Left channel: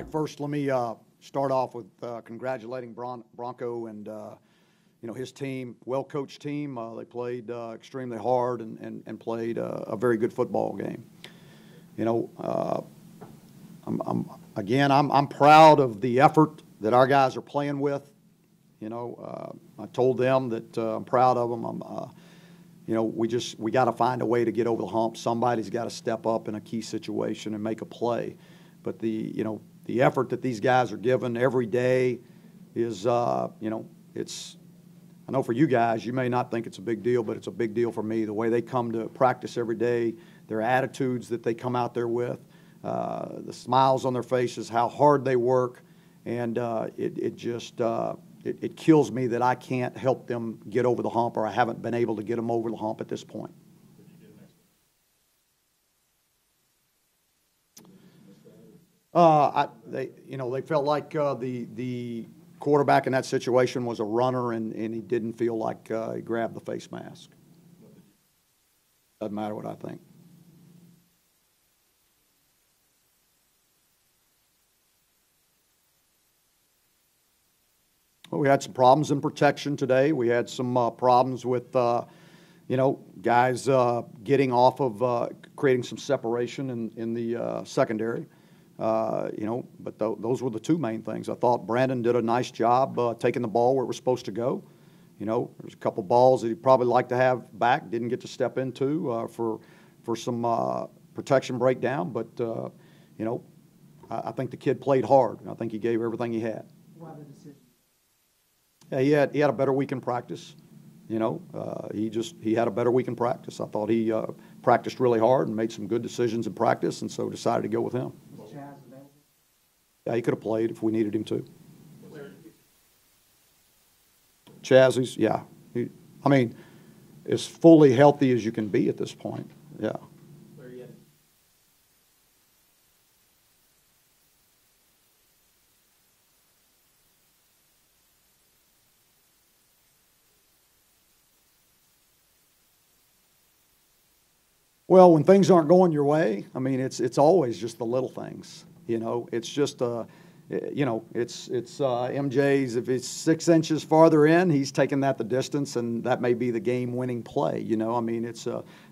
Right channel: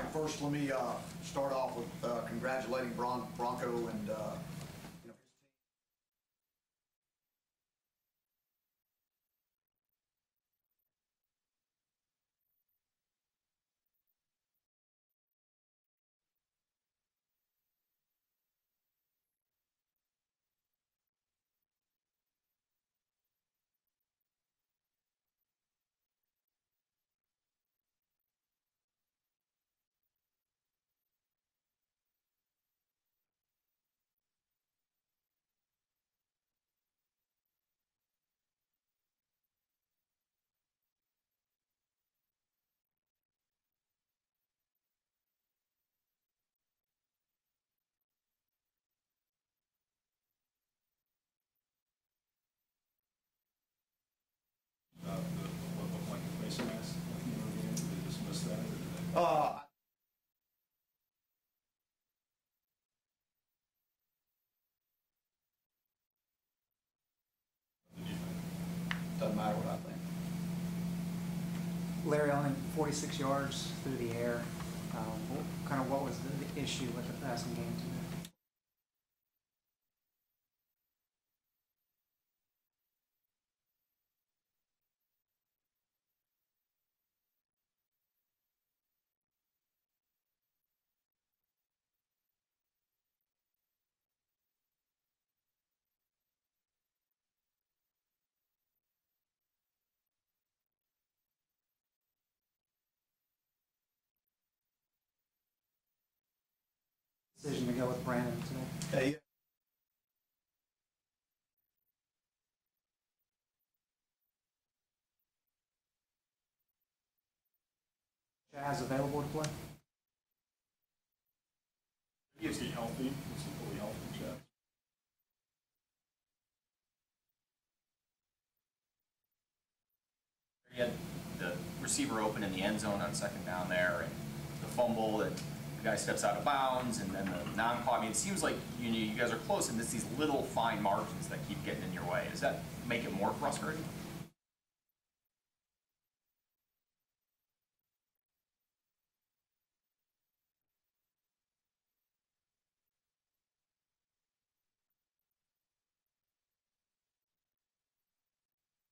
right, first let me start off with congratulating Bronco and his team, well-coached team. They played extremely hard and played a very good football game. I'm proud of the effort that our guys are playing with. I told them that I'm proud of them. We got to find a way to get over the hump. Somebody's got to step up in a key situation and make a play. But the effort that these guys are given every day is, it's. I know for you guys, you may not think it's a big deal, but it's a big deal for me. The way they come to practice every day, their attitudes that they come out there with, the smiles on their faces, how hard they work, and it kills me that I can't help them get over the hump, or I haven't been able to get them over the hump at this point. They felt like the quarterback in that situation was a runner, and he didn't feel like he grabbed the face mask. Doesn't matter what I think. Larry, only 46 yards through the air. What was the issue with the passing game today? Well, we had some problems in protection today. We had some problems with, guys getting off of creating some separation in the secondary. But those were the two main things. I thought Brandon did a nice job taking the ball where it was supposed to go. There's a couple balls that he'd probably like to have back, didn't get to step into for some protection breakdown. But, I think the kid played hard. I think he gave everything he had. Why the decision to go with Brandon today? Yeah, he had a better week in practice. He had a better week in practice. I thought he practiced really hard and made some good decisions in practice, and so decided to go with him. Was Chaz available to play? Yeah, he could have played if we needed him to. Is he healthy? Is he fully healthy, Chaz? As fully healthy as you can be at this point. Yeah. Where you had the receiver open in the end zone on second down there, and the fumble, and the guy steps out of bounds, and then the non-call. It seems like you guys are close, and it's these little fine margins that keep getting in your way. Does that make it more frustrating? Well, when things aren't going your way, it's always just the little things. It's just it's MJ's. If it's 6 inches farther in, he's taking that the distance, and that may be the game-winning play.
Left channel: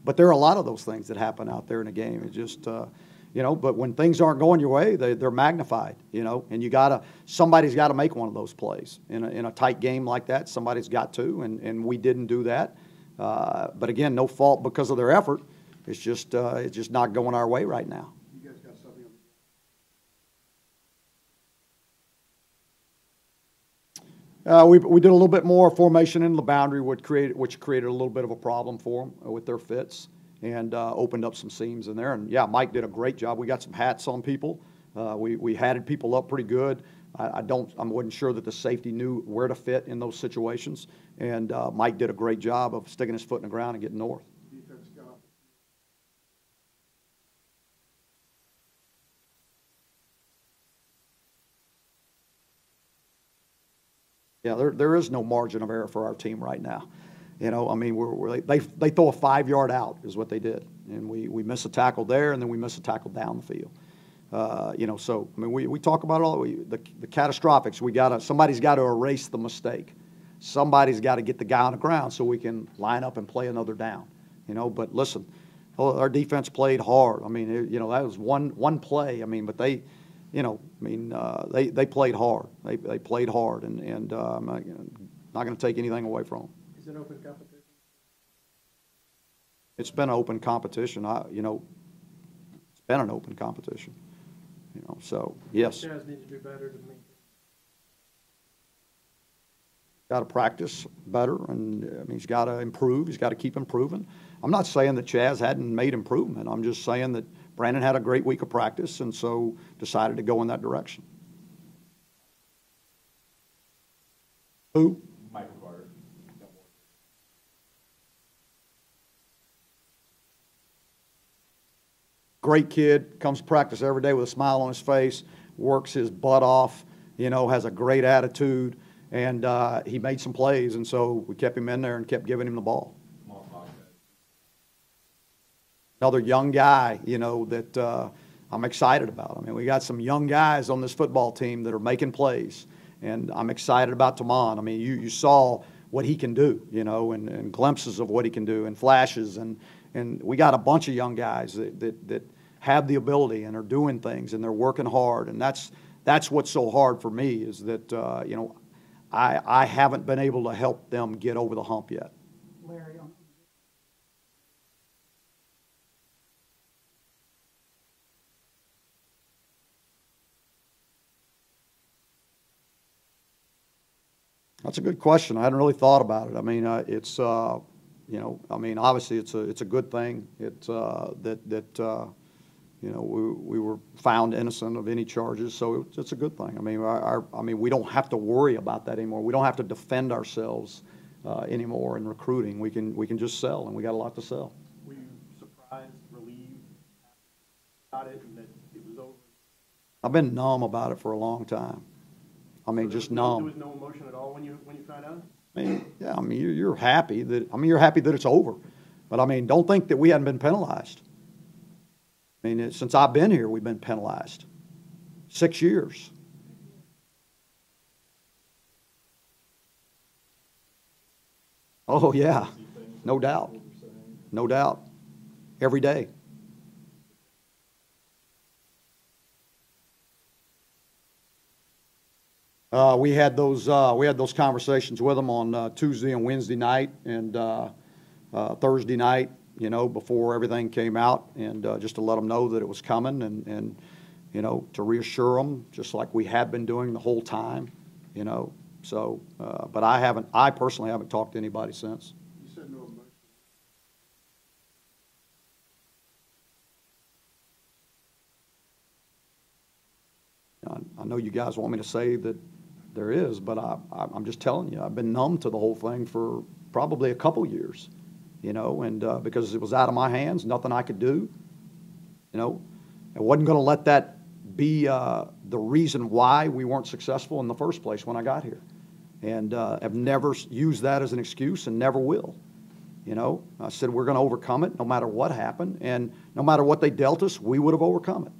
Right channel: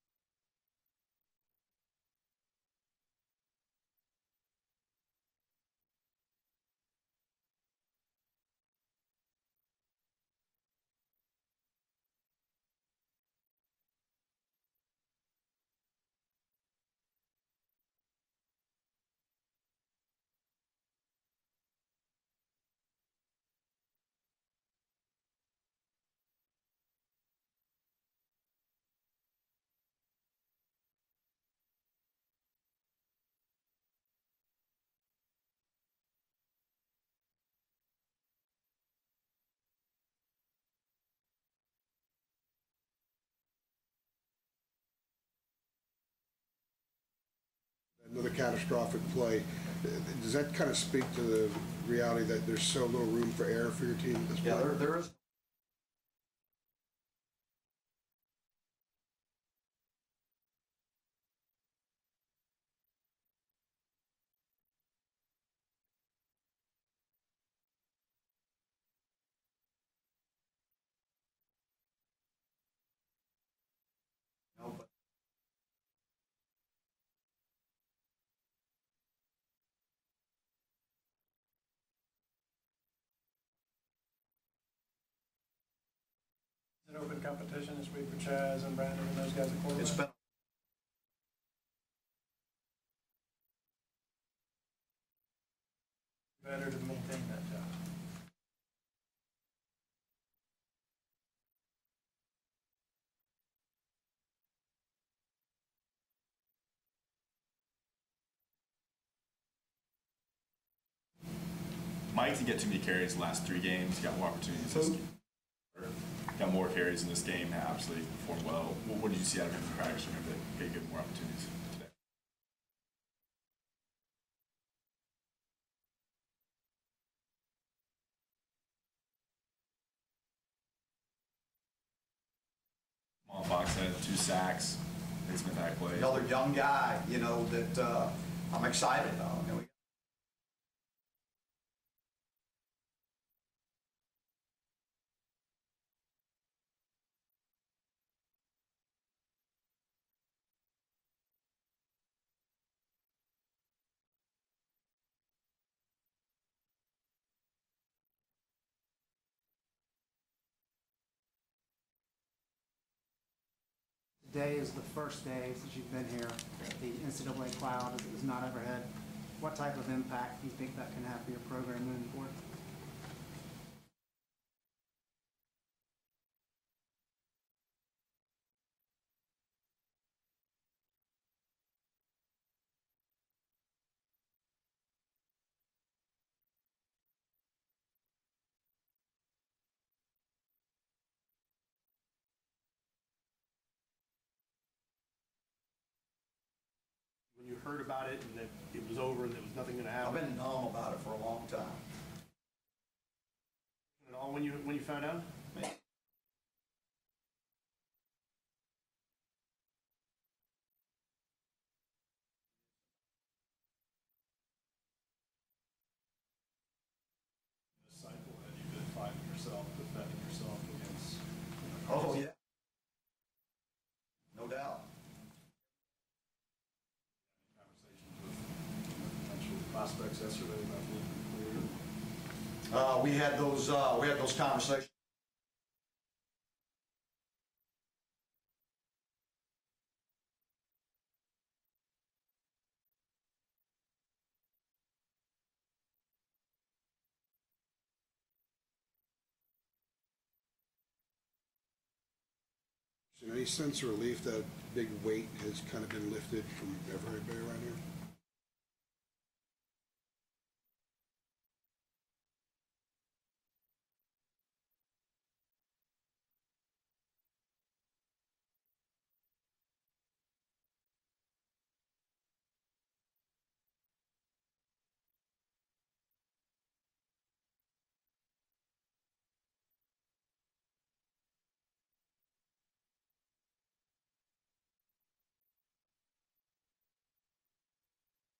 But there are a lot of those things that happen out there in a game. It just but when things aren't going your way, they're magnified. And somebody's got to make one of those plays in a tight game like that. Somebody's got to, and we didn't do that. But again, no fault because of their effort. It's just not going our way right now. You guys got something on we did a little bit more formation in the boundary, which created a little bit of a problem for them with their fits, and opened up some seams in there. And yeah, Mike did a great job. We got some hats on people. We hatted people up pretty good. I wasn't sure that the safety knew where to fit in those situations, and Mike did a great job of sticking his foot in the ground and getting north. Another catastrophic play. Does that kind of speak to the reality that there's so little room for error for your team at this point? Yeah, there is no margin of error for our team right now. They throw a 5-yard out is what they did, and we miss a tackle there, and then we miss a tackle down the field. We talk about all the catastrophics. Somebody's got to erase the mistake. Somebody's got to get the guy on the ground so we can line up and play another down. But listen. Our defense played hard. That was one play. But they, they played hard. They played hard, and I'm not going to take anything away from them. Is it open competition this week for Chaz and Brandon and those guys at quarterback? It's been an open competition. It's been an open competition. So yes. Chaz need to do better to maintain that job. Got to practice better, and he's got to improve. He's got to keep improving. I'm not saying that Chaz hadn't made improvement. I'm just saying that Brandon had a great week of practice, and so decided to go in that direction. Mike didn't get too many carries the last 3 games. He got more opportunities. Who? Michael Carter got more carries in this game. Absolutely performed well. What did you see out of him in practice? Remember that he get more opportunities today? Great kid. Comes to practice every day with a smile on his face. Works his butt off. Has a great attitude. And he made some plays, and so we kept him in there and kept giving him the ball. Fox had 2 sacks. Play. Another young guy, that I'm excited about. I mean, we got some young guys on this football team that are making plays, and I'm excited about Tamon. I mean, you saw what he can do, you know, and glimpses of what he can do, and flashes, and we got a bunch of young guys that have the ability and are doing things, and they're working hard, and that's what's so hard for me is that you know, I haven't been able to help them get over the hump yet. Larry, today is the first day since you've been here. The NCAA cloud is not overhead. What type of impact do you think that can have for your program moving forward? That's a good question. I hadn't really thought about it. I mean, it's you know, I mean, obviously it's a good thing. It's you know, we were found innocent of any charges, so it's a good thing. I mean, I mean, we don't have to worry about that anymore. We don't have to defend ourselves anymore in recruiting. We can just sell, and we got a lot to sell. Were you surprised, relieved, when you heard about it and that it was over and there was nothing gonna happen? I've been numb about it for a long time. I mean, just numb. There was no emotion at all when you found out? I mean, yeah, I mean, you're happy that, I mean, you're happy that it's over. But, I mean, don't think that we hadn't been penalized. I mean, since I've been here, we've been penalized. 6 years. Cycle that you've been fighting yourself, defending yourself against. Oh, yeah, no doubt. No doubt. Every day. Potential prospects yesterday about the We had those conversations with them on Tuesday and Wednesday night and Thursday night, you know, before everything came out, and just to let them know that it was coming, and you know, to reassure them, just like we had been doing the whole time, you know. So, but I personally haven't talked to anybody since. You said no emotion. Any sense of relief that big weight has kind of been lifted from everybody around here? I know you guys want me to say that there is, but I'm just telling you, I've been numb to the whole thing for probably a couple years, you know, and because it was out of my hands, nothing I could do, you know. I wasn't going to let that be the reason why we weren't successful in the first place when I got here, and have never used that as an excuse and never will. You know, I said we're going to overcome it no matter what happened, and no matter what they dealt us, we would have overcome it.